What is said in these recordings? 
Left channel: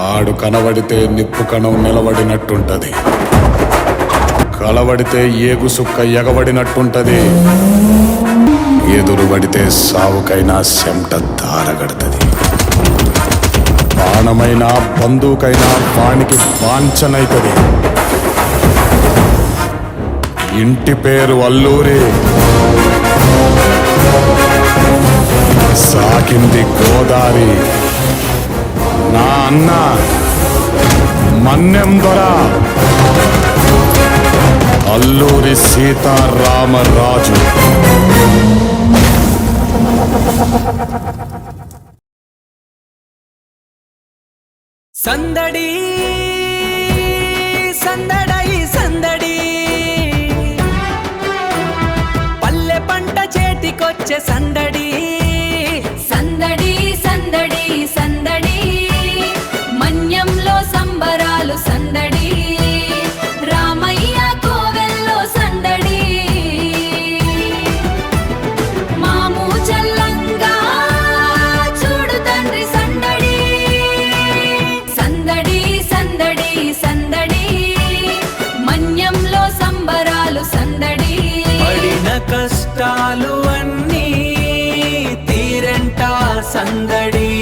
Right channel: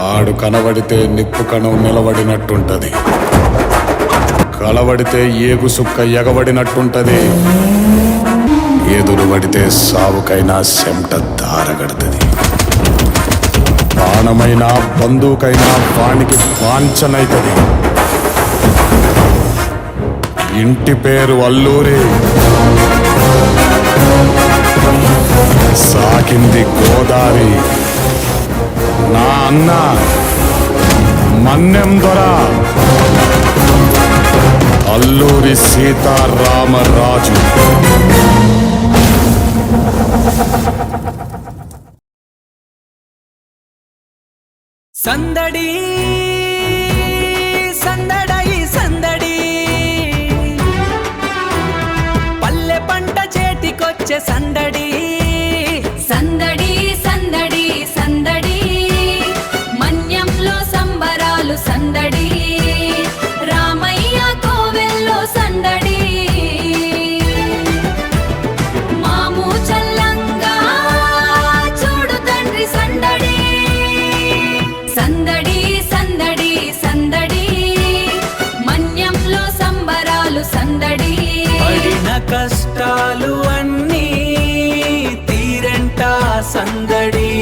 ఆడు కనబడితే నిప్పు కణం నిలబడినట్టుంటది, కలబడితే ఏగు సుక్క ఎగబడినట్టుంటది, ఎదురుబడితే సావుకైనా చెమట దారగడుతుంది. బాణమైనా బందూకైనా వానికి వాంఛనైతది. ఇంటి పేరు అల్లూరి, సాకింది గోదారి. నా అన్న మన్నెం దొర అల్లూరి సీతారామరాజు. సందడి సందడై సందడి, పల్లె పంట చేతికొచ్చే సందడి. సందడి సందడి సందడి, మన్యంలో సంబరాలు సందడి, రామయ్య కోవెల్లో సందడి. మాము చల్లంగా చూడు తండ్రి సందడి. సందడి సందడి సందడి, మన్యంలో సంబరాలు సందడి. పడిన కష్టాలు అన్నీ తీరంట సందడి,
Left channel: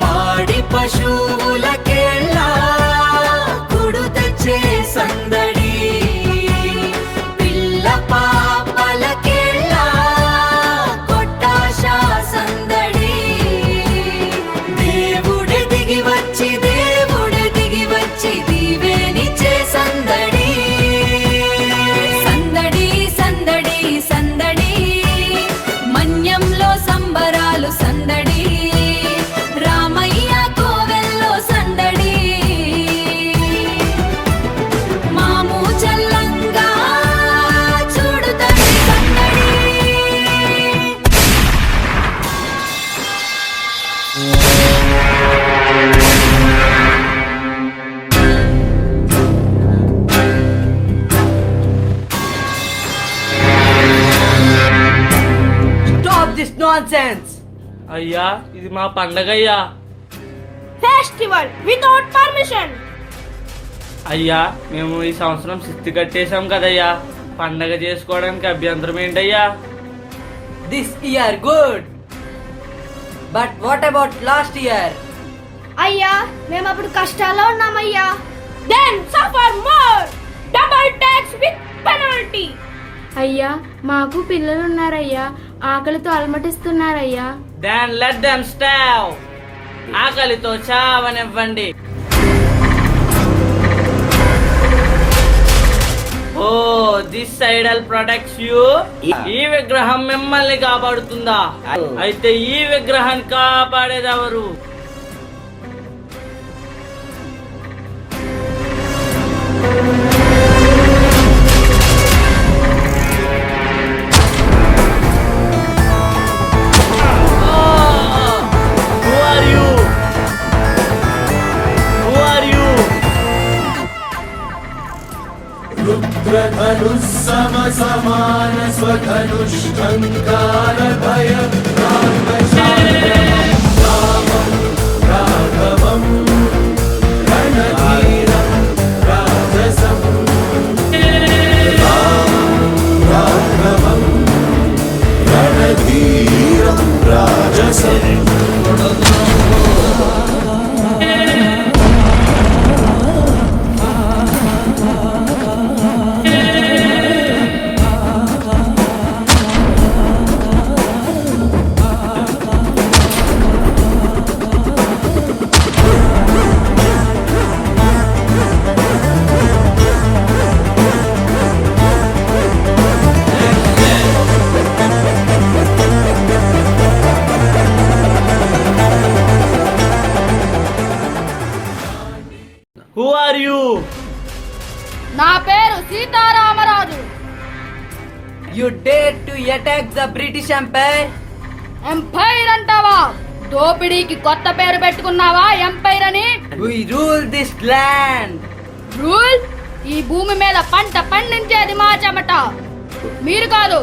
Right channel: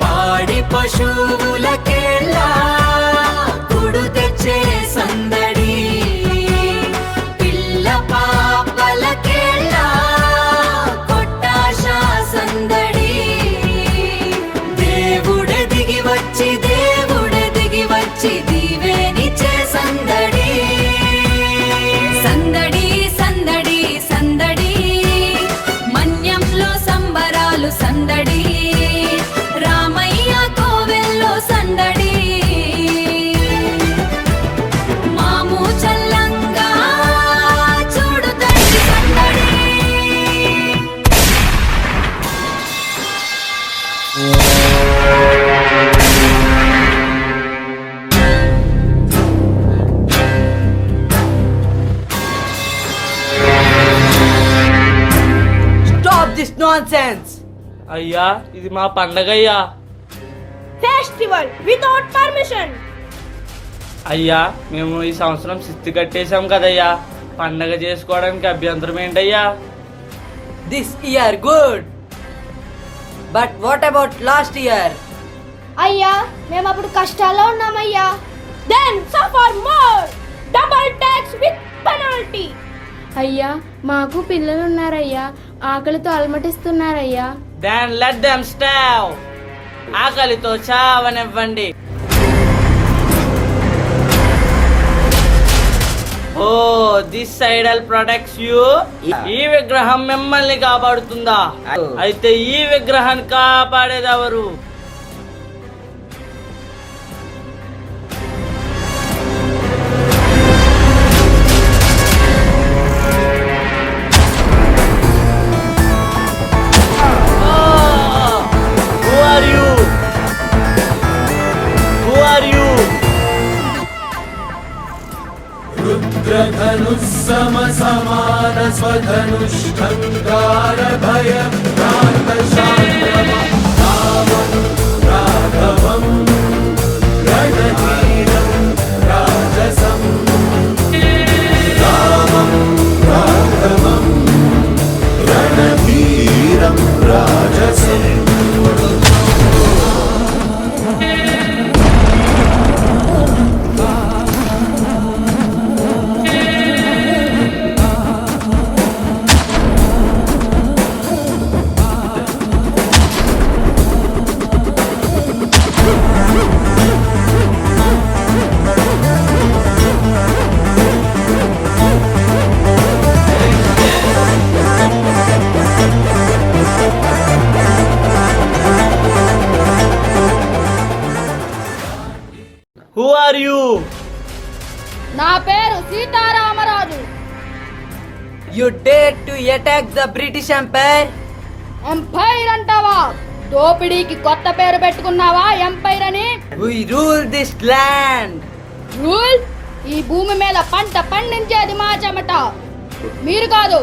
పాడి పశువులకెళ్ళా కుడు తెచ్చే సందడి, పిల్ల పాపలకెళ్ళా కొట్టాశ సందడి. దేవుడే దిగి వచ్చి దీవేనిచ్చే సందడి. సందడి సందడి సందడి, మన్యంలో సంబరాలు సందడి, రామయ్య కోవెల్లో సందడి. మాము చల్లంగా చూడు తండ్రి సందడి. Stop this nonsense! అయ్యా ఇది మా పండగయ్యా. Festival without permission. అయ్యా మేము ఈ సంవత్సరం శిస్తి కట్టేశాం కదయ్యా, పండగ చేసుకోవడానికి అభ్యంతరం ఏంటయ్యా? This year good, but what about last year? అయ్యా మేము అప్పుడు కష్టాల్లో ఉన్నామయ్యా. Then suffer more, double tax with penalty. అయ్యా మాకు పిల్లలు ఉన్నారయ్యా, ఆకలితో అలమటిస్తున్నారయ్యా. Then let them starve. ఆకలితో చావనివ్వండి. Oh this idol protects you. ఈ విగ్రహం మిమ్మల్ని కాపాడుతుందా? అయితే ఈ విగ్రహాన్ని కాపాడేదెవరు? సమాన స్వధనుష్ఠంకార భయం Who are you? నా పేరు Sitaramaraju. You dare to attack the British Empire? Empire అంటావా? దోపిడీకి కొత్త పేరు పెట్టుకున్నావా ఎంపైర్ అని? We rule this land. Rule? ఈ భూమి మీద పంట పండించేది మా చెమట, మీరు కాదు.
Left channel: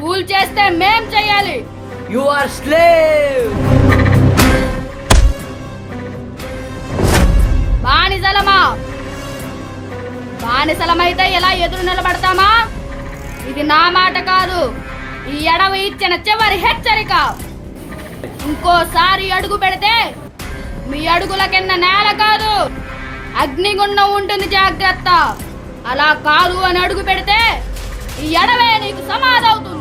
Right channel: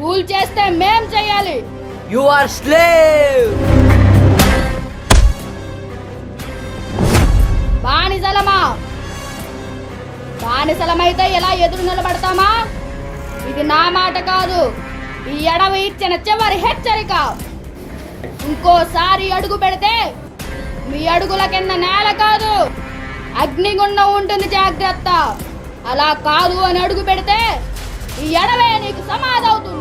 రూల్ చేస్తే మేం చెయ్యాలి. You are slave. బానిసలమా? బానిసలమైతే ఎలా ఎదురు నిలబడతామా? ఇది నా మాట కాదు, ఈ అడవి ఇచ్చిన చివరి హెచ్చరిక. ఇంకోసారి అడుగు పెడితే మీ అడుగుల కింద నేల కాదు, అగ్నిగుండం ఉంటుంది, జాగ్రత్త. అలా కాదు అని అడుగు పెడితే ఈ అడవే నీకు సమాధవుతుంది.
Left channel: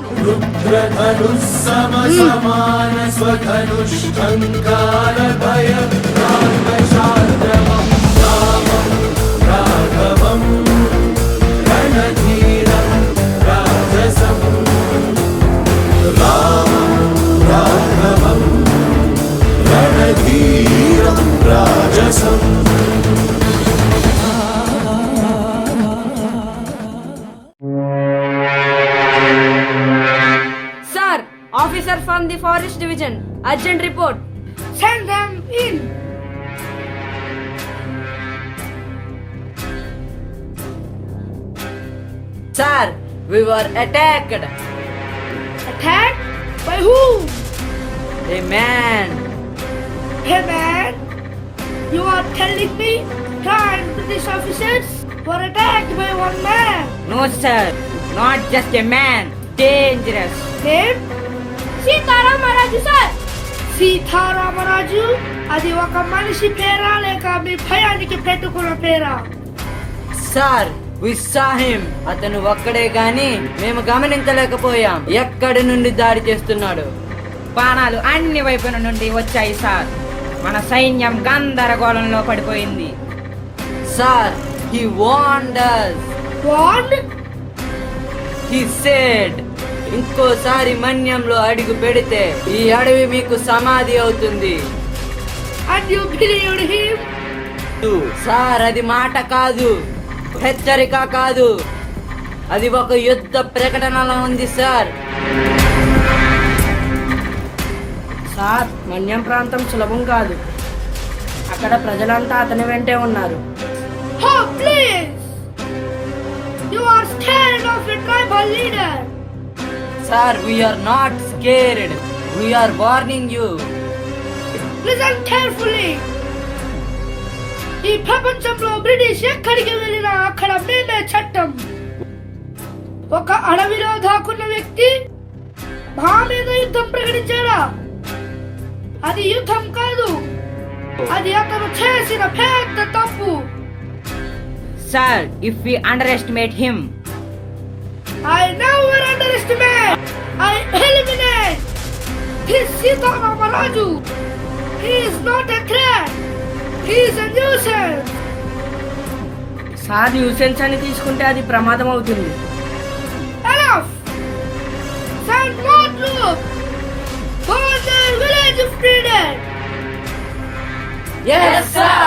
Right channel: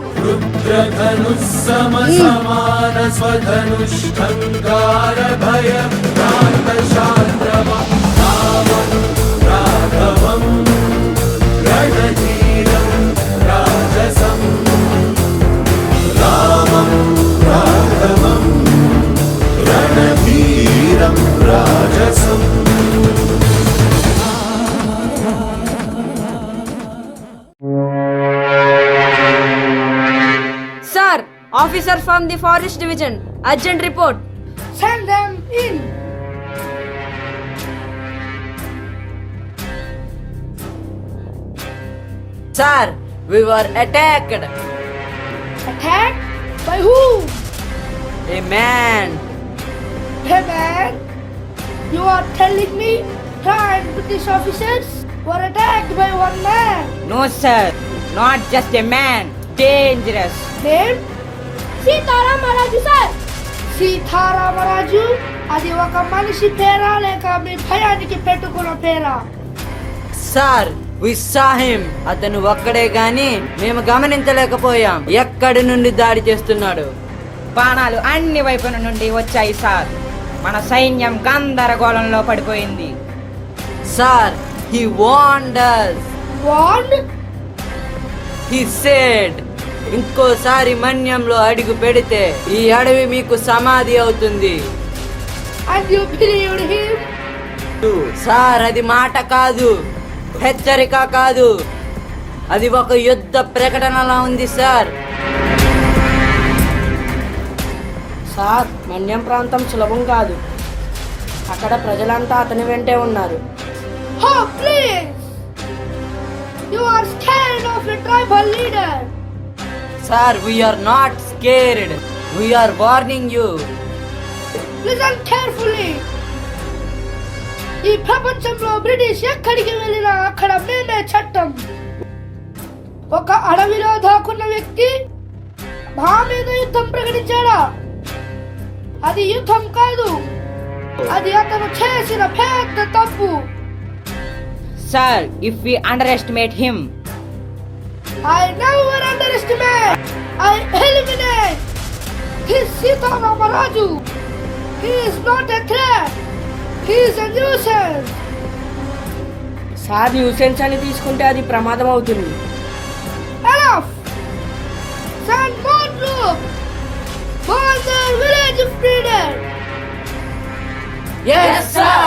Sir, officer from the forest division. Urgent report. Send them in. Sir, we were attacked. Attacked? By whom? A man. Hey man, you are telling me 10 British officers were attacked by one man. No, sir. Not just a man. Dangerous. Name? Sitaramaraju sir. Sitaramaraju అది ఒక మనిషి పేరా లేక మీ భయానికి పెట్టుకున్న పేరా? Sir, we saw him. అతను ఒక్కడే గాని మేము గమనించలేకపోయాం ఎక్కడి నుండి దాడి చేస్తున్నాడు. బాణాలు అన్ని వైపుల నుండి వచ్చాయి సార్. మన సైన్యం గందరగోళంలో పడిపోయింది. Sir, he warned us. Warned? He said, ఇంకోసారి మన్యంలో అడుగు పెడితే ఈ అడవి మీకు సమాధి అవుతుంది. And you believed him? Sir, అది మాట కాదు, హెచ్చరిక కాదు, అది ఒక యుద్ధ ప్రకటనలా ఉంది సార్. సార్, మన్యం ప్రాంతం సులభం కాదు. అక్కడ ప్రజలంతా అతని వెంటే ఉన్నారు. Oh please! You are scared of a tribal leader. Sir, we are not scared. We are warning you. Listen carefully. ఈ ప్రపంచంలో బ్రిటిష్ ఎక్కడికి వెళ్ళినా అక్కడ మేమే చట్టం. ఒక అడవిలో దాక్కున్న వ్యక్తి మా మీద యుద్ధం ప్రకటించాడా? అది యుద్ధం కాదు, అది అతను చేసిన పెద్ద తప్పు. Sir, if we underestimate him, I never underestimate. I eliminate. This Sitaramaraju. He is not a threat. He is a nuisance. Sir, nuisance అని తీసుకుంటే అది ప్రమాదం అవుతుంది. Enough. Send more troops. Burn the village of freedom. Yes, sir.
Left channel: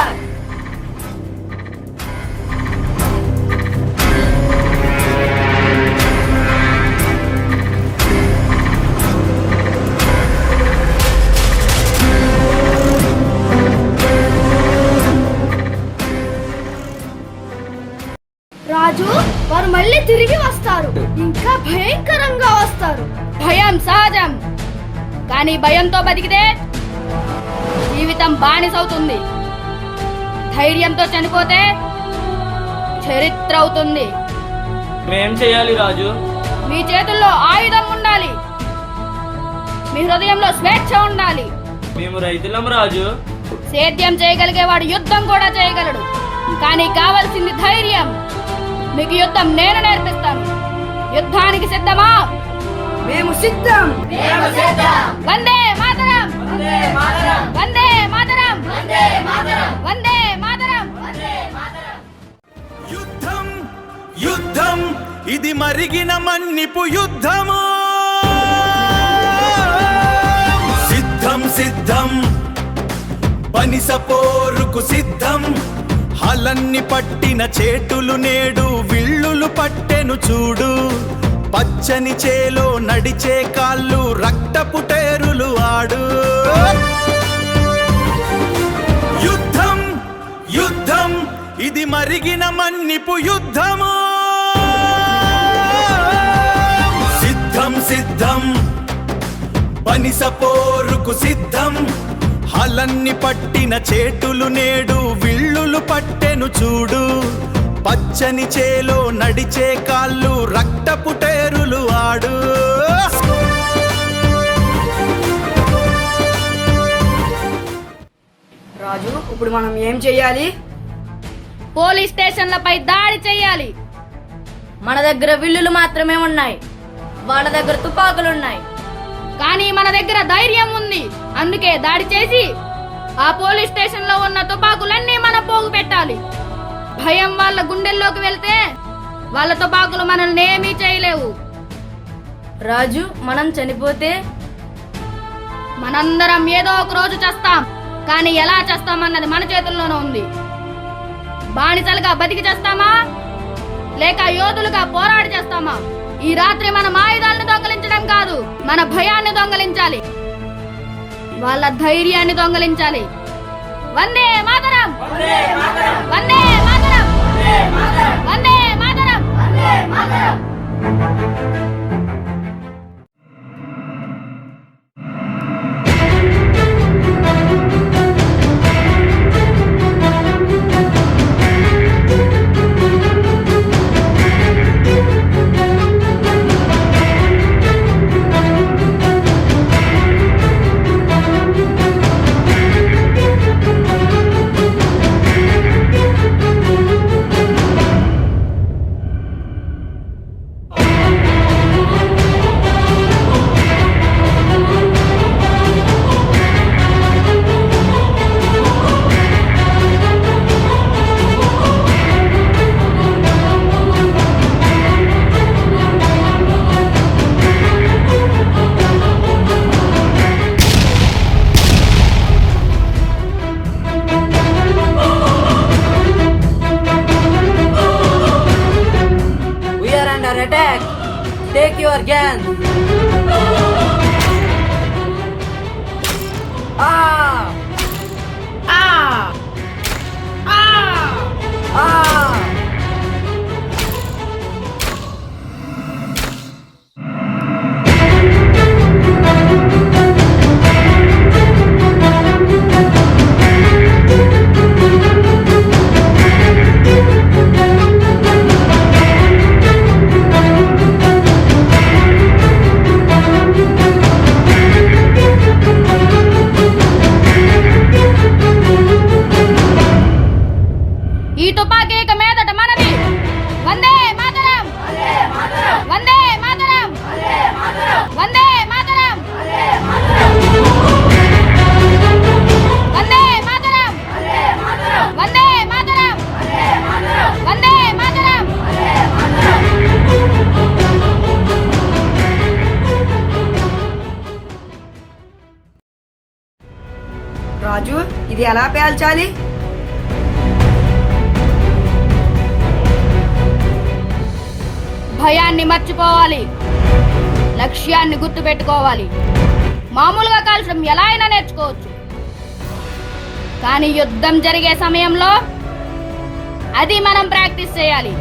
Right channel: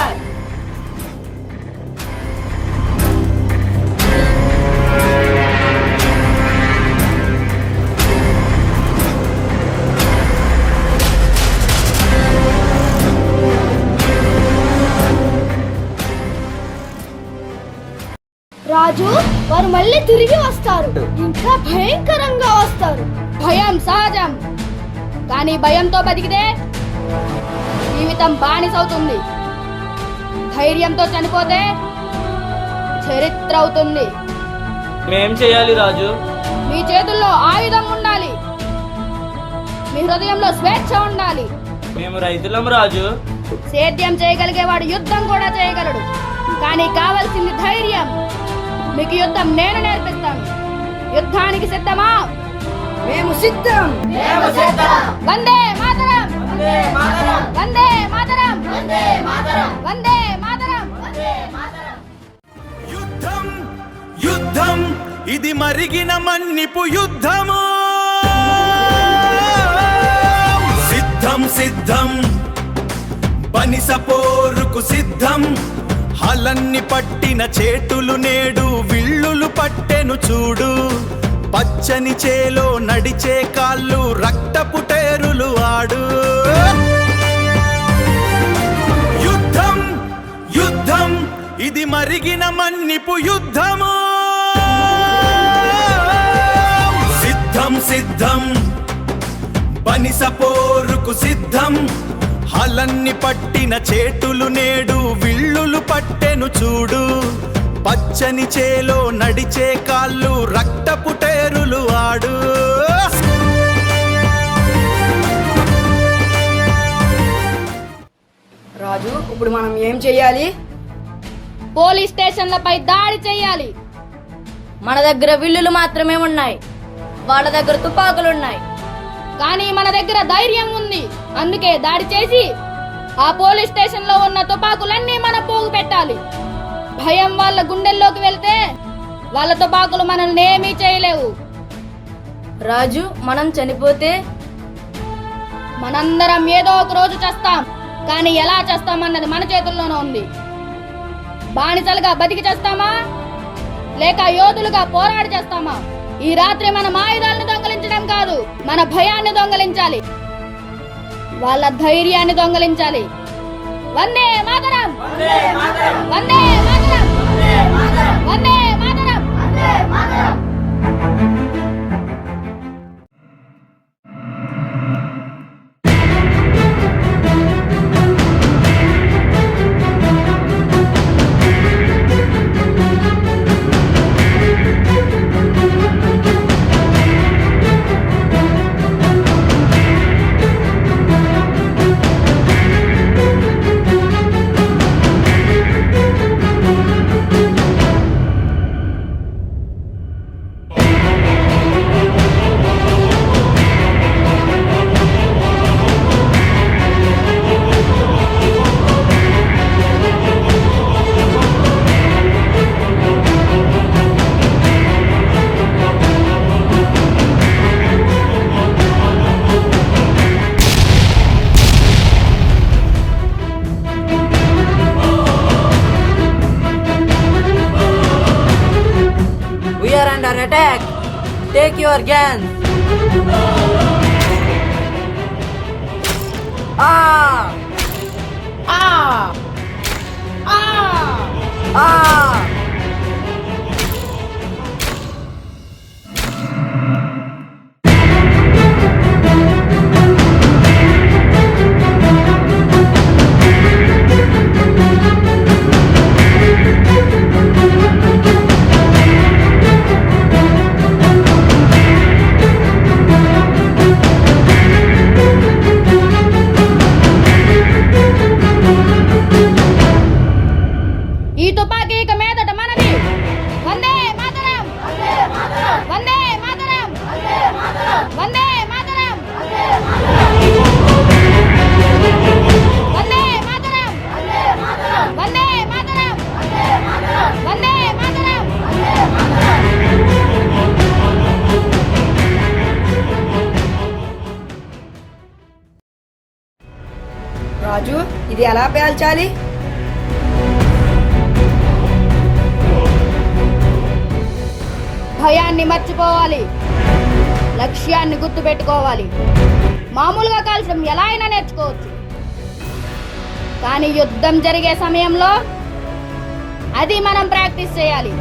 రాజు, వారు మళ్ళీ తిరిగి వస్తారు. ఇంకా భయంకరంగా వస్తారు. భయం సహజం, కానీ భయంతో బతికితే జీవితం బానిసవుతుంది. ధైర్యంతో చనిపోతే చరిత్ర అవుతుంది. మేం చేయాలి రాజు? మీ చేతుల్లో ఆయుధం ఉండాలి, మీ హృదయంలో స్వేచ్ఛ ఉండాలి. మేము రైతులం రాజు. సేద్యం చేయగలిగేవాడు యుద్ధం కూడా చేయగలడు, కానీ కావాల్సింది ధైర్యం. మీకు యుద్ధం నేను నేర్పిస్తాను. యుద్ధానికి సిద్ధమా? మేము సిద్ధం. వందే మాతరం! వందే మాతరం! వందే మాతరం! యుద్ధం యుద్ధం ఇది మరిగిన మన్నిపు యుద్ధము. సిద్ధం సిద్ధం బనిస పోరుకు సిద్ధం. హలన్ని పట్టిన చేటులు నేడు విల్లులు పట్టెను చూడు. పచ్చని చేలో నడిచే కాళ్ళు రక్తపు టేరులు ఆడు. యుద్ధం యుద్ధం ఇది మరిగిన మన్నిపు యుద్ధము. సిద్ధం సిద్ధం బనిస పోరుకు సిద్ధం. హలన్ని పట్టిన చేతులు నేడు విల్లులు పట్టెను చూడు. పచ్చని చేలో నడిచే కాళ్ళు రక్తపు టేరులు ఆడు. రాజు, ఇప్పుడు మనం ఏం చెయ్యాలి? పోలీస్ స్టేషన్లపై దాడి చేయాలి. మన దగ్గర విల్లులు మాత్రమే ఉన్నాయి, వాళ్ళ దగ్గర తుపాకులున్నాయి. కానీ మన దగ్గర ధైర్యం ఉంది, అందుకే దాడి చేసి ఆ పోలీస్ స్టేషన్ లో ఉన్న తుపాకులన్నీ మనం పోగు పెట్టాలి. భయం వాళ్ళ గుండెల్లోకి వెళ్తే వాళ్ళ తుపాకులు మనల్ని ఏమీ చేయలేవు. రాజు, మనం చనిపోతే మనందరం ఏదో ఒక రోజు చేస్తాం, కానీ ఎలా చేస్తామన్నది మన చేతుల్లోనే ఉంది. బానిసలుగా బతికి చేస్తామా లేక యోధులుగా పోరాడి చేస్తామా? ఈ రాత్రి మనం ఆయుధాలను దొంగలించడం కాదు, మన భయాన్ని దొంగలించాలి, వాళ్ళ ధైర్యాన్ని దొంగలించాలి. వందే మాతరం, వందే మాతరం, వందే మాతరం. We are under attack. Take your guns. Ah! Ah! Ah! Ah! ఈ తుపాకీ ఇక మీదట మనది. వందే మాతరం, వందే మాతరం, వందే మాతరం, వందే మాతరం, వందే మాతరం, వందే మాతరం. రాజు, ఇది ఎలా పేల్చాలి? భయాన్ని మర్చిపోవాలి, లక్ష్యాన్ని గుర్తు పెట్టుకోవాలి. మామూలుగా కాల్చడం ఎలా అయినా నేర్చుకోవచ్చు, కానీ యుద్ధం జరిగే సమయంలో అది మనం ప్రాక్టీస్ చేయాలి.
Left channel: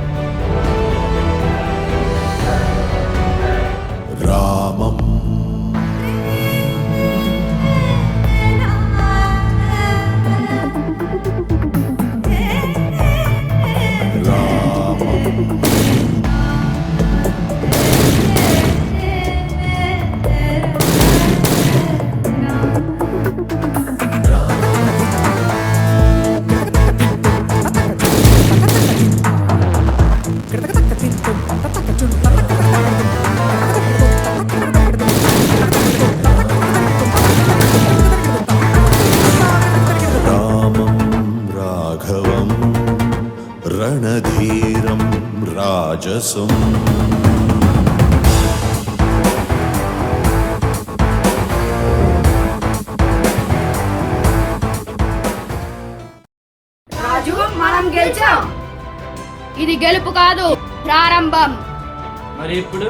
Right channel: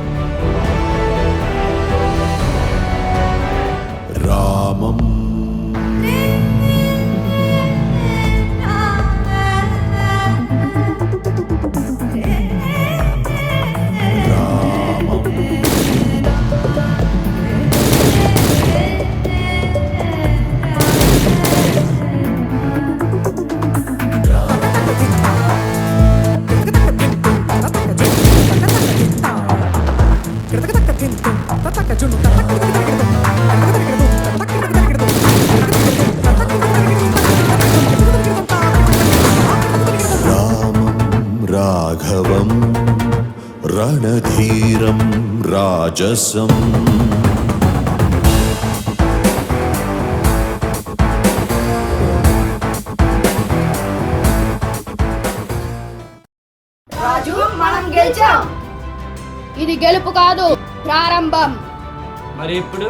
రాఘవం రణధీరం రాజసం. రాజు, మనం గెలిచాం. ఇది గెలుపు కాదు, ప్రారంభం. మరి ఇప్పుడు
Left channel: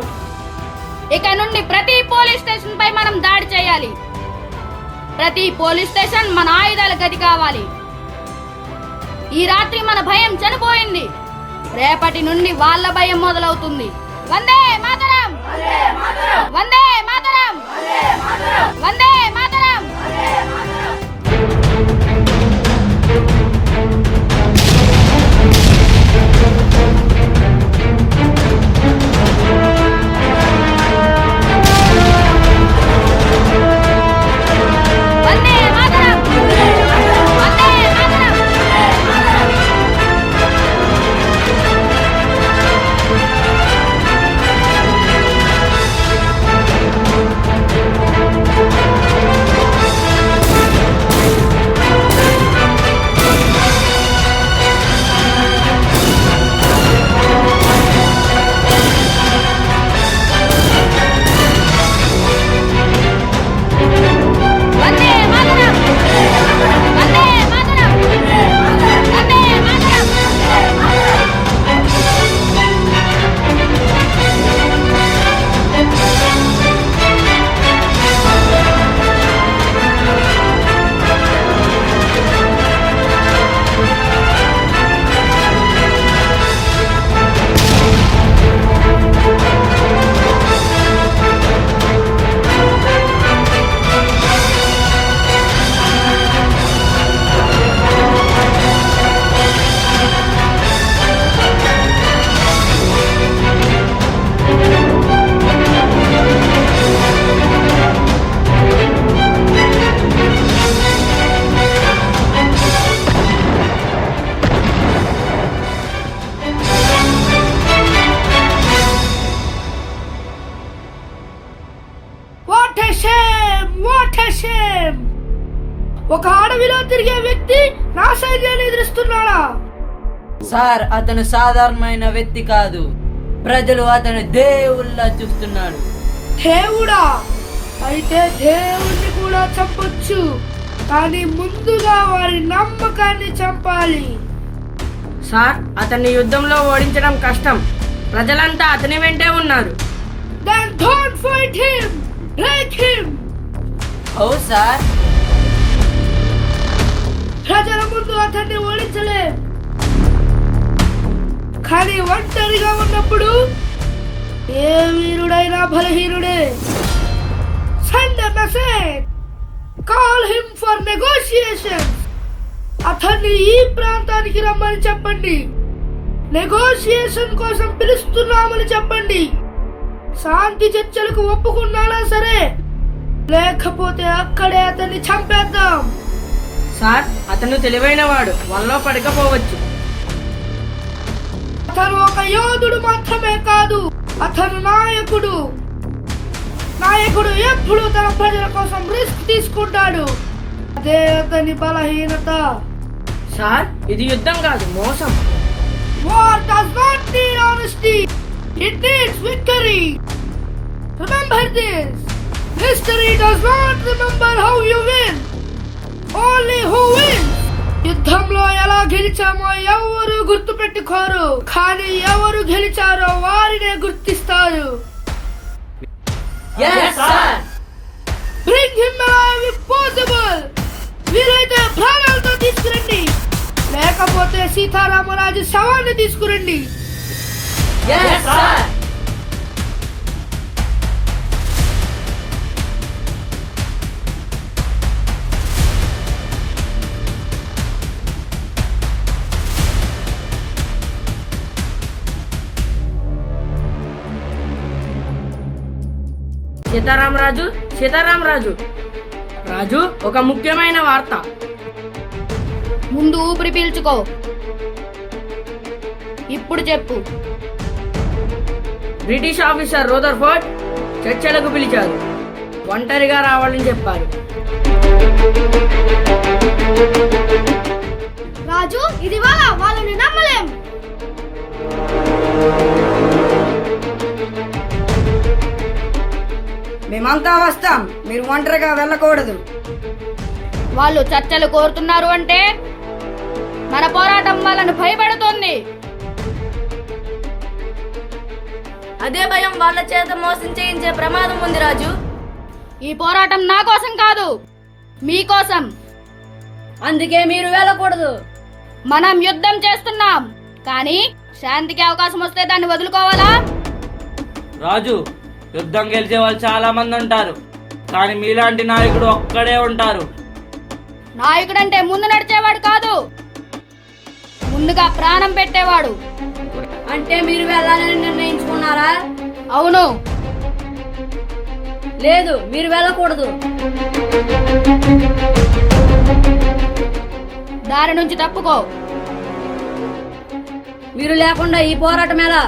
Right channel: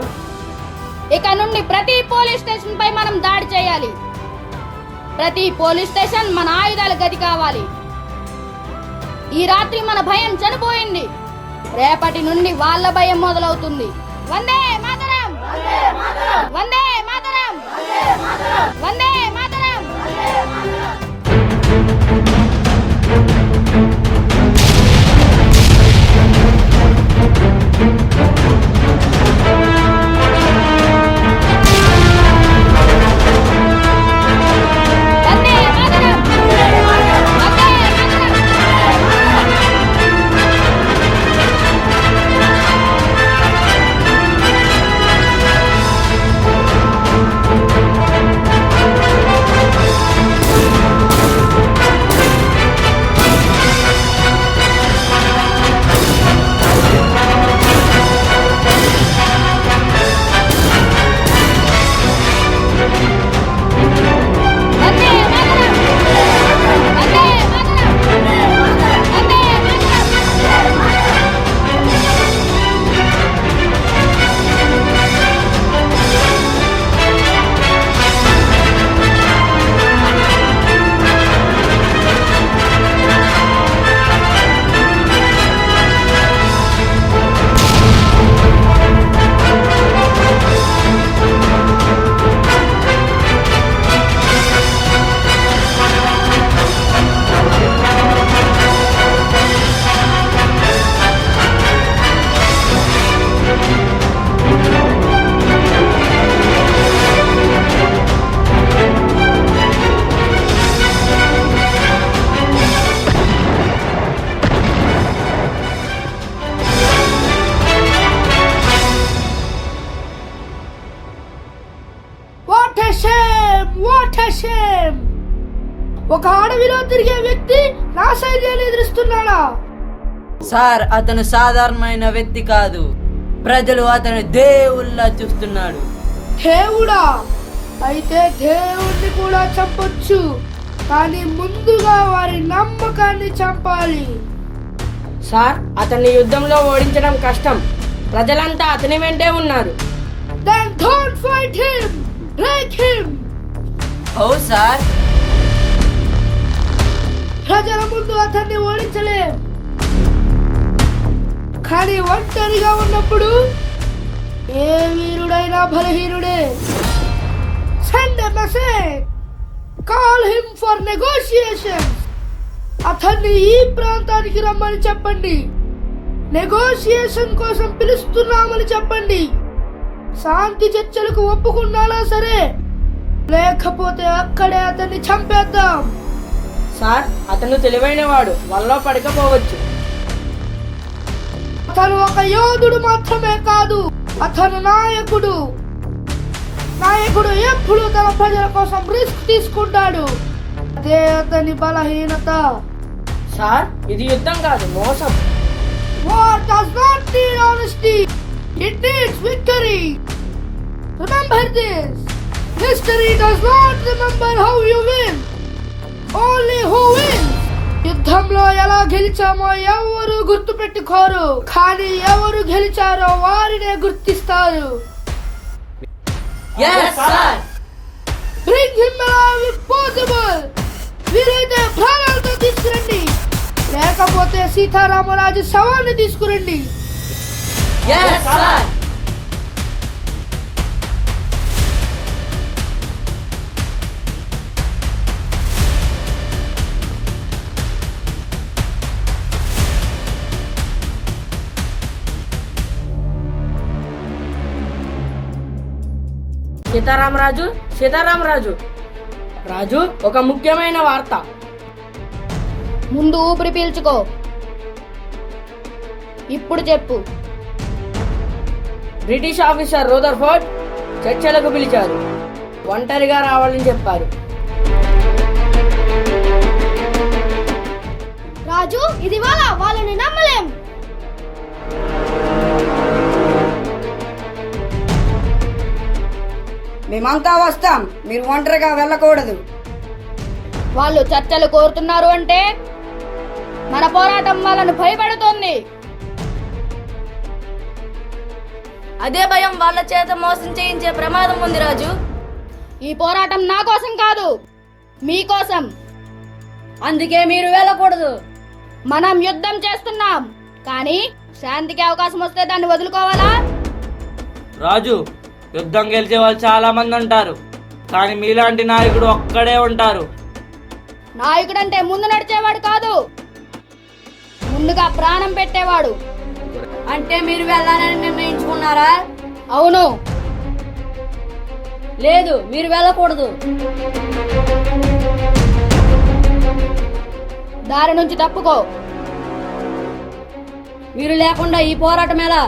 ఇక నుండి ప్రతి పోలీస్ స్టేషన్ పై మనం దాడి చేయాలి. ప్రతి పోలీస్ స్టేషన్ మన ఆయుధాల గది కావాలి. ఈ రాత్రి మన భయం చనిపోయింది, రేపటి నుండి వాళ్ళ భయం మొదలవుతుంది. Vande Mataram, Vande Mataram, Vande Mataram. What a shame, what a shame. ఒక అడవిలో తిరిగే వ్యక్తి నా సైన్యాన్ని ఎదురిస్తున్నాడా? సార్ అతను సాధారణమైన వ్యక్తి కాదు, ప్రజలు అతను దేవుళ్ళ చూస్తున్నాడు. దేవుడా? అయితే దేవుణ్ణి కూడా చంపొచ్చు, కానీ ముందుగా వారి నమ్మకాన్ని చంపాలి. సార్, అతన్ని యుద్ధంలో ఓడించడం కష్టం. ప్రజలంతా అతని వెంటే ఉన్నారు. Then don't fight him, break him. Oh sir, ప్రజల ముందు అతన్ని ఓడించలేం, కానీ ఒంటరిగా ఉన్నప్పుడు ఏ వీరుడైనా బలహీనుడే. Send a message. Call him for negotiations. అతన్ని ఈ ప్రాంతానికి రమ్మని చెప్పండి. నెగోషియేషన్ కోసం పిలుస్తున్నామని చెప్పండి. శాంతి చర్చలకు ఒప్పుకున్నాడా సరే, లేకపోతే అక్కడే అతన్ని చంపేద్దాం. సార్, అతను తెలివైనవాడు, వల్ల పడకపోవచ్చు. అతను ఒక యోధుడు మాత్రమే కాదు, అతను నాయకుడు. నాయకుడు ఎప్పుడు తన ప్రజల కోసం రిస్క్ తీసుకుంటాడు. అదే అతని బలహీనత. సార్, ఇది యుద్ధం కాదు, మోసం. War does not need honesty, it needs victory. Remember this. History does not remember how you win, only who wins. యుద్ధంలో ఎలా గెలిచామో ఎవరు గుర్తు పెట్టుకోరు, కానీ ఎవరు గెలిచారో వారినే గుర్తిస్తారు. yes sir. Bring him alive if possible. వీలైతే ప్రాణాలతో తీసుకురండి, లేకపోతే సీతారామరాజు శవాన్ని తీసుకురండి. yes sir. సీతారామరాజు, సీతారామరాజు. రాజు, ఒక ముఖ్యమైన వార్త. ముందు ఊపిరి పీల్చుకో. ఇప్పుడు చెప్పు. బ్రిటిష్ ఆఫీసర్ రూదర్ఫోర్డ్ చర్చలకు పిలిచారు. ఒంటరిగా రావాలని చెప్పారు. రాజు, ఇది వాళ్ళని నమ్మలేం. మేమంతా వస్తాం, మీరు ఒంటరిగా వెళ్ళకూడదు. వాళ్ళు చర్చలు కోరుతున్నారు అంటే మన పోరాటం వాళ్ళను భయపెడుతోంది. అదే భయం వాళ్ళ చేత మోసం చేయించే ప్రమాదం ఉంది రాజు. ఈ పోరాటం నా కోసం కాదు, మీకోసం. అందుకే మీరు వెళ్ళకూడదు. మనం యుద్ధం చేస్తున్నాం, కానీ శాంతికి అవకాశం వస్తే దాన్ని వదులుకోవాలా? రాజు, యుద్ధం గెలిచే వాళ్ళు చాలా మంది ఉంటారు, కానీ మీలాంటి నాయకుడు ఒక్కడే ఉంటారు. నాయకుడంటే ముందు నడిచేవాడు కాదు, ముందుగా ప్రాణం పెట్టేవాడు. అంటే మీరు వెళ్ళాలని నిర్ణయించుకున్నారా? అవును. లేదు, మీరు వెళ్ళకూడదు. దారి నుంచి తప్పుకో. మీరు లేకుండా ఈ పోరాటం ఎలా?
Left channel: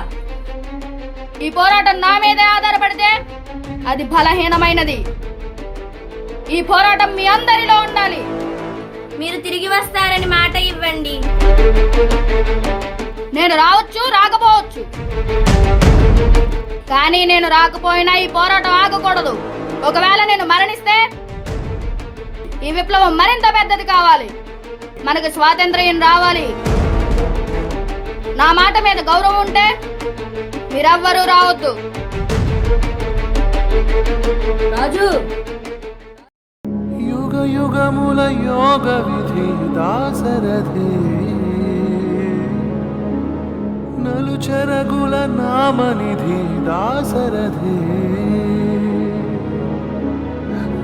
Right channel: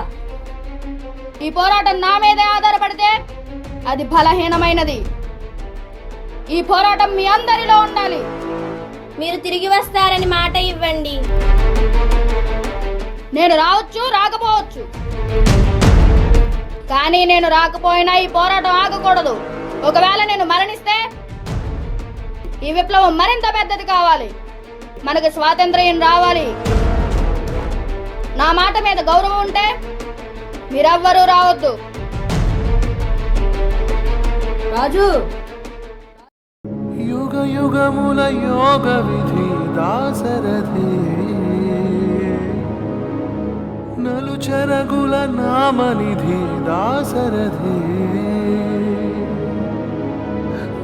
ఈ పోరాటం నా మీదే ఆధారపడితే అది బలహీనమైనది. ఈ పోరాటం మీ అందరిలో ఉండాలి. మీరు తిరిగి వస్తారని మాట ఇవ్వండి. నేను రావచ్చు, రాకపోవచ్చు, కానీ నేను రాకపోయినా ఈ పోరాటం ఆగకూడదు. ఒకవేళ నేను మరణిస్తే ఈ విప్లవం మరింత పెద్దది కావాలి. మనకు స్వాతంత్ర్యం రావాలి. నా మాట మీద గౌరవం ఉంటే మీరెవ్వరూ రావద్దు. రాజు, యుగ యుగముల యోగ విధి దాసరథి, నలు చెరగుల నామనిధి దాసరథి,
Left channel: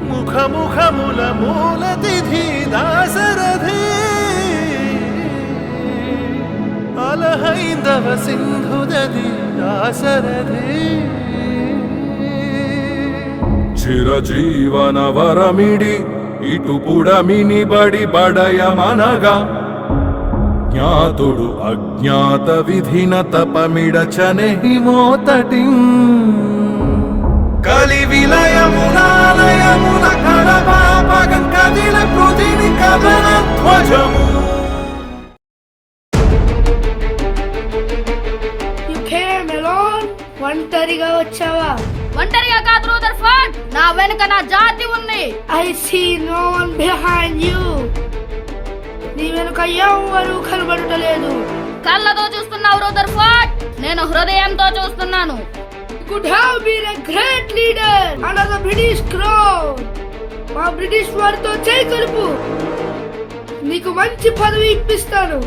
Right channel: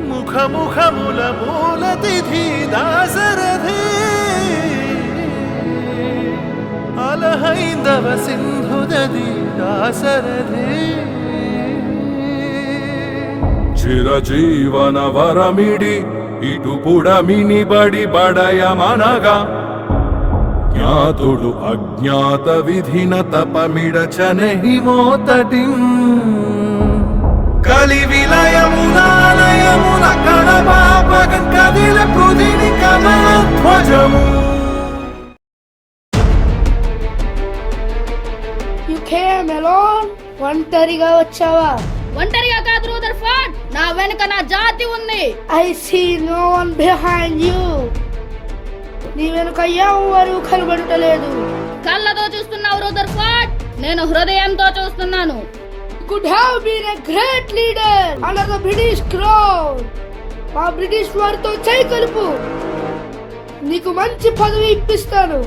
ముఖముఖముల మూలతిథి దాసరథి, అలహైందవ సింధుదది దాసరథి, చిరజీవన వరమిడి ఇటు పుడమిని బడి బడయమనగా, జ్ఞాతుడు అజ్ఞాత విధిన తపమిడచనెహి మోతటి, కలి విలయమునాల కథన ధ్వజము. You came alone? ఒంటరిగా వచ్చావా? ఒంటరిగా కాదు రూదర్ఫోర్డ్, నా వెనుక నా జాతి ఉంది. I see no one behind you. నీ వెనుక ఎవ్వరూ కనబడటలేదు. కళ్ళతో చూస్తున్నావు రూదర్ఫోర్డ్, నేను హృదయంతో చూస్తున్నాను. Could have been a great leader under the British crown. మా బ్రిటిష్ వారితో చేయి కలుపు, నీకు మంచి పదవి ఇప్పిస్తాను.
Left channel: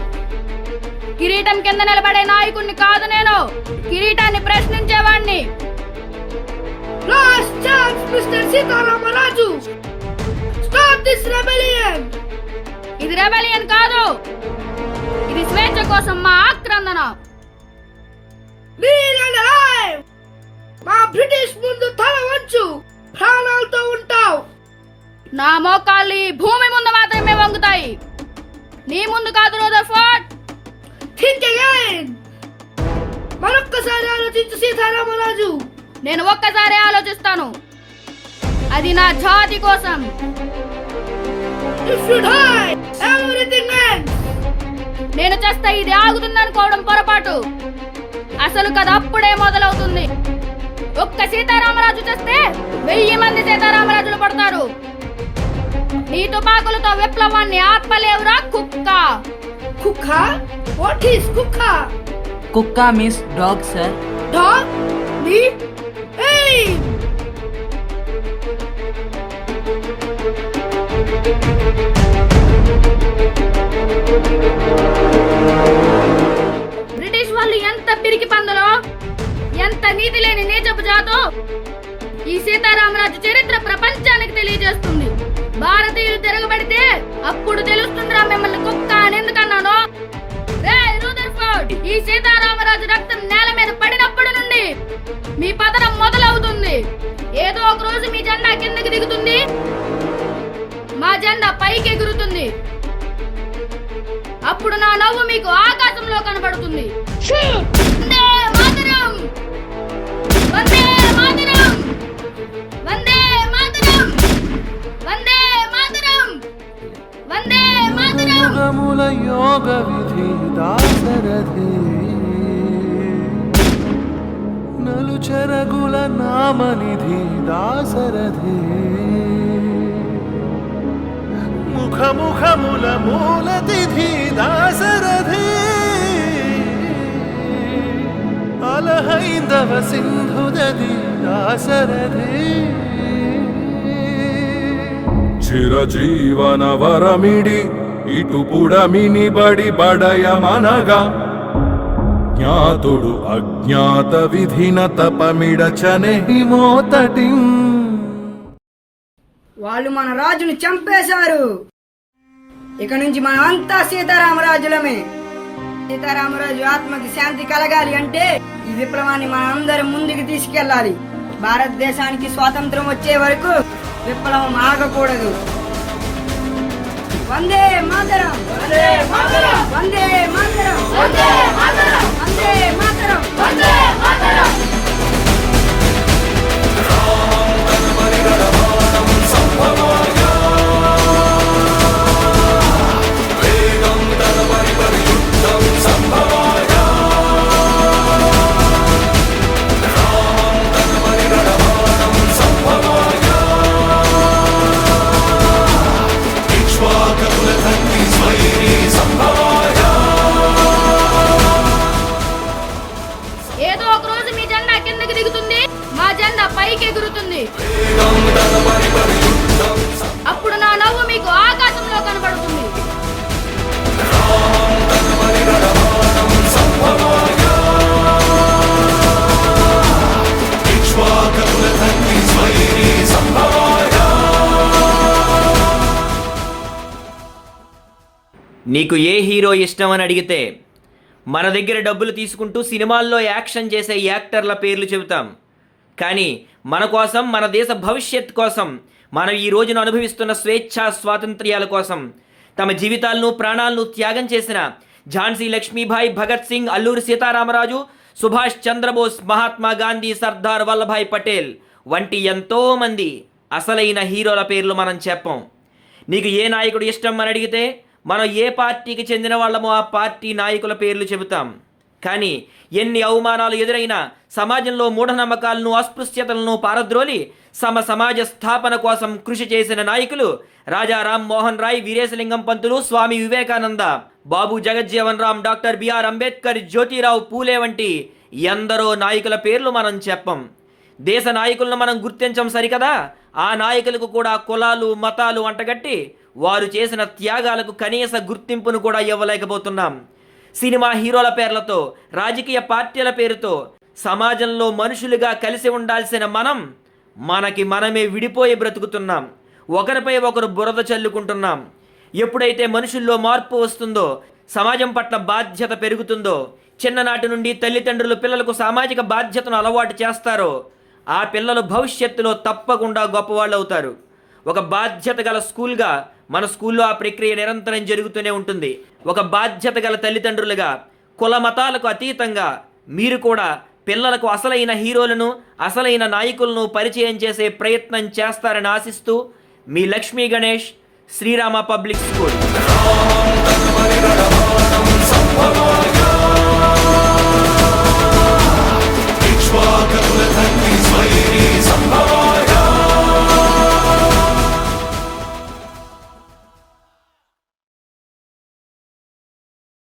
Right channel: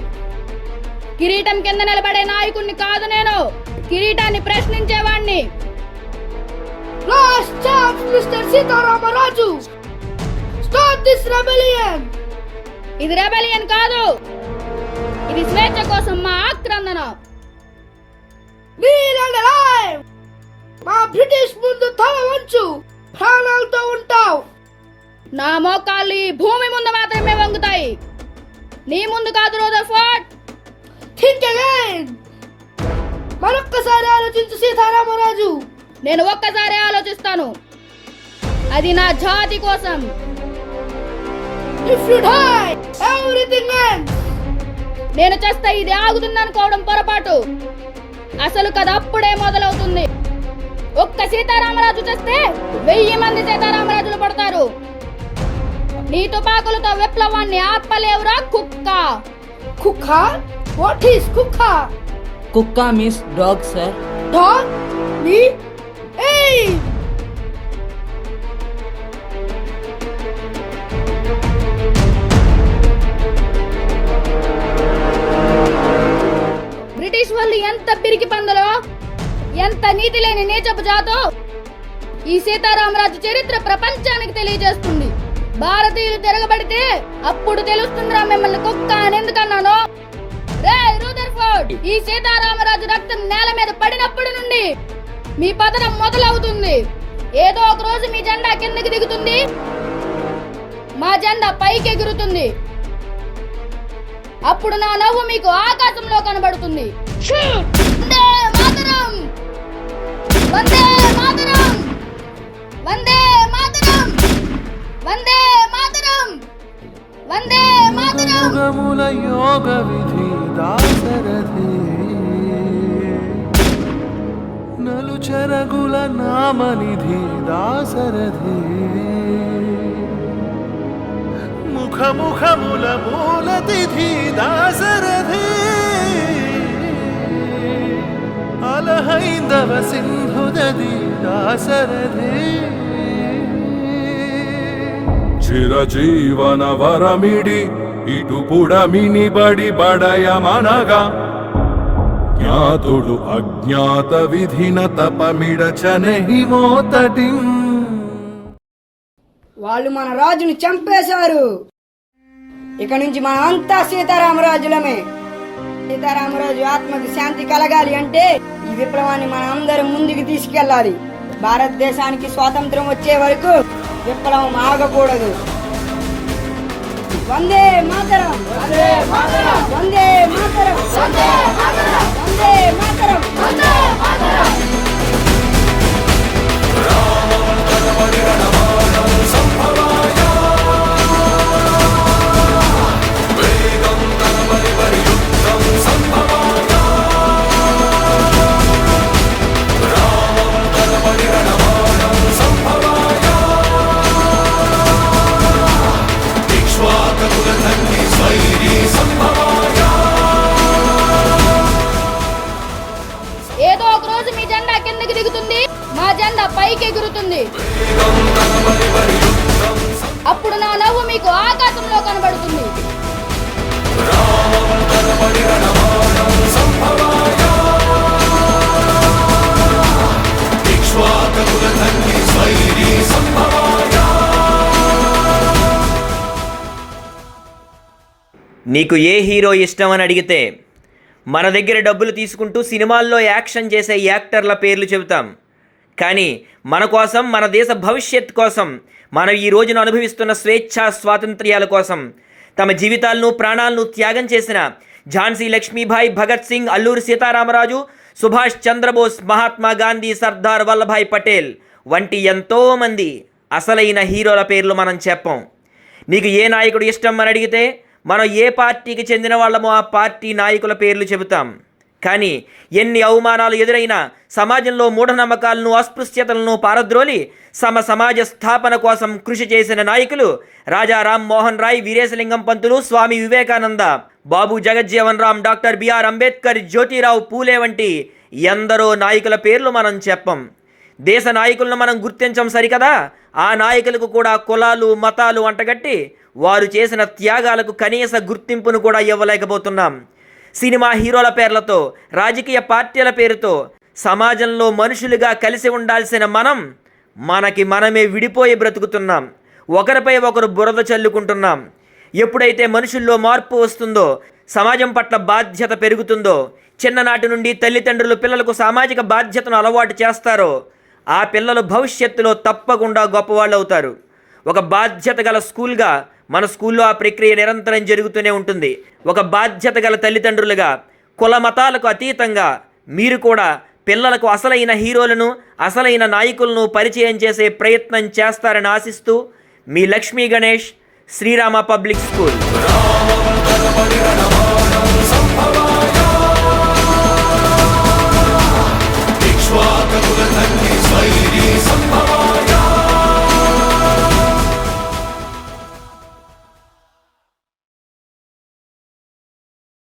కిరీటం కింద నిలబడే నాయకుడిని కాదు నేను, కిరీటాన్ని ప్రశ్నించేవాణ్ణి. Last chance, Mr. Sitaramaraju. Stop this rebellion. ఇది రెబెలియన్ కాదు, ఇది స్వేచ్ఛ కోసం మా ఆక్రందన. Kneel and alive. మా బ్రిటిష్ ముందు తల వంచు, ప్రాణాలతో ఉంటావు. నా మోకాళ్ళు ఈ భూమి ముందు మాత్రమే వంగుతాయి, నీ ముందు కాదు రూదర్ఫోర్డ్. Think again. మరొక్కసారి ఆలోచించు సీతారామరాజు. నేను ఒక్కసారి ఆలోచిస్తాను, అది నా జాతి కోసం. If you die, everything ends. నేను చేస్తే ఇది ఆగుతుందనుకోవడం పొరపాటు, అసలు కథ అప్పుడే మొదలవుతుంది. ఒక్క సీతారామరాజు చేస్తే 1000 మంది సీతారామరాజులు పడతారు. నీ తుపాకులతో విప్లవాన్ని ఆపలేవురా కుక్క. కుక్క? What is కుక్క? కుక్క means dog sir. Dog? Me? Aim! British వాళ్ళు ఎంత పిరికి పందలో, ఎంత నీతి లేని నీచపు జాతో. ఈ సీతారామరాజు చరిత్ర ప్రపంచానికి తెలియజేస్తుంది. భారతీయులు తిరగబడితే అప్పుడు తెలుస్తుందిరా మిమ్మల్ని కుక్క అని ఎందుకన్నాను. రేయ్ రూదర్ఫోర్డ్, ఈ సీతారామరాజు రక్తం నేల మీద పడినప్పటి నుండి మీ పతనం మొదలవుతుంది. ఏదో ఒక రోజు మీ జెండా కిందకి దిగుతుంది, మా జెండా పైకి ఎగురుతుంది. అప్పుడు నా నవ్వు మీకు ఆకాశంలో కనబడుతుంది. వందే మాతరం! వందే మాతరం! వందే మాతరం! వందే మాతరం! వందే మాతరం! యుగముల యోగ విధి దాసరథి, నలుచెరగుల నామనిధి దాసరథి, ముఖముఖముల మూలతిథి దాసరథి, అలహైందవ సింధుదది దాసరథి. చిరజీవన వరమిడి ఇటు పుడమిని బడి బడయమనగా, జ్ఞాతుడు అజ్ఞాత విధిన తపమిడచనెహి మోతటి. వాళ్ళు మన రాజుని చంపేశారు. ఇక నుంచి మనం అంతా సీతారామరాజులమే. సీతారామరాజు ఆత్మకి శాంతి కలగాలి అంటే ఈ విప్లవాన్ని మనం అందరం ముందుకు తీసుకెళ్ళాలి. భారతదేశానికి స్వాతంత్రం వచ్చే వరకు విప్లవం ఆగకూడదు. వందే మాతరం! వందే మాతరం! వందే మాతరం! వందే మాతరం! వందే మాతరం! వందే మాతరం! ఏదో ఒక రోజు మీ జెండా కిందకి దిగుతుంది, మా జెండా పైకి ఎగురుతుంది. అప్పుడు నా నవ్వు మీకు ఆకాశంలో కనబడుతుంది. నీకు ఏ హీరో ఇష్టం అని అడిగితే మన దగ్గర డబ్బులు తీసుకుంటూ సినిమాల్లో యాక్షన్ చేసే యాక్టర్ల పేర్లు చెబుతాం. కానీ మన కోసం, మన దేశ భవిష్యత్ కోసం, మనం ఈ రోజున అనుభవిస్తున్న స్వేచ్ఛా స్వాతంత్ర్యాల కోసం తమ జీవితాలను, ప్రాణాలను త్యాగం చేసిన ఝాన్సీ లక్ష్మీబాయి, భగత్ సింగ్, అల్లూరి సీతారామరాజు, సుభాష్ చంద్రబోస్, మహాత్మా గాంధీ, సర్దార్ వల్లభాయ్ పటేల్ వంటి ఎంతోమంది అసలైన హీరోల పేర్లు మనం చెప్పం. నీకు ఏ నాయకుడు ఇష్టం అని అడిగితే మనం ఏ పార్టీకి చెందిన వాళ్ళమో ఆ పార్టీ నాయకుల పేర్లు చెబుతాం. కానీ ఎన్ని అవమానాలు ఎదురైనా సమాజంలో మూఢనమ్మకాలను అస్పృశ్యతలను పారద్రోలి సమాజ స్థాపన కోసం కృషి చేసిన నాయకులు రాజా రామ్మోహన్ రాయ్, వీరేశలింగం పంతులు, స్వామి వివేకానంద, బాబు జగజ్జీవన్ రామ్, డాక్టర్ బిఆర్ అంబేద్కర్, జ్యోతిరావు పూలే వంటి ఎందరో నాయకుల పేర్లు మనం చెప్పం. దేశ నాయకులను మనం గుర్తించం సరికదా, ఆ నాయకులకు కూడా కులాలు మతాలు అంటగట్టి వారు చేసిన త్యాగాలకు కనీస గుర్తింపును కూడా ఇవ్వలేకపోతున్నాం. సినిమా హీరోల పేర్లతో, రాజకీయ పార్టీల పేరుతో సమాజంలో మనుషులుగా కలిసి ఉండాల్సిన మనకి మనమే విడిపోయి బ్రతుకుతున్నాం. ఒకరిపై ఒకరు బురద చల్లుకుంటున్నాం. ఎప్పుడైతే మనుషుల్లో మార్పు వస్తుందో, సమాజం పట్ల బాధ్యత పెరుగుతుందో, చిన్ననాటి నుండి తల్లిదండ్రులు పిల్లలకు సామాజిక బాధ్యతను అలవాటు చేస్తారో ఆ పిల్లలు భవిష్యత్తులో తప్పకుండా గొప్పవాళ్ళు అవుతారు. ఒక బాధ్యత గల స్కూల్గా మన స్కూల్లో ఆ ప్రక్రియ నిరంతరం జరుగుతూనే ఉంటుంది. ఒక బాధ్యత గల తల్లిదండ్రులుగా కుల మతాలకు అతీతంగా మీరు కూడా పిల్లలకు అసలైన హీరోలను, అసలైన నాయకులను పరిచయం చేసే ప్రయత్నం చేస్తారని ఆశిస్తూ మీ లక్ష్మీ గణేష్, శ్రీరామ పబ్లిక్ స్కూల్.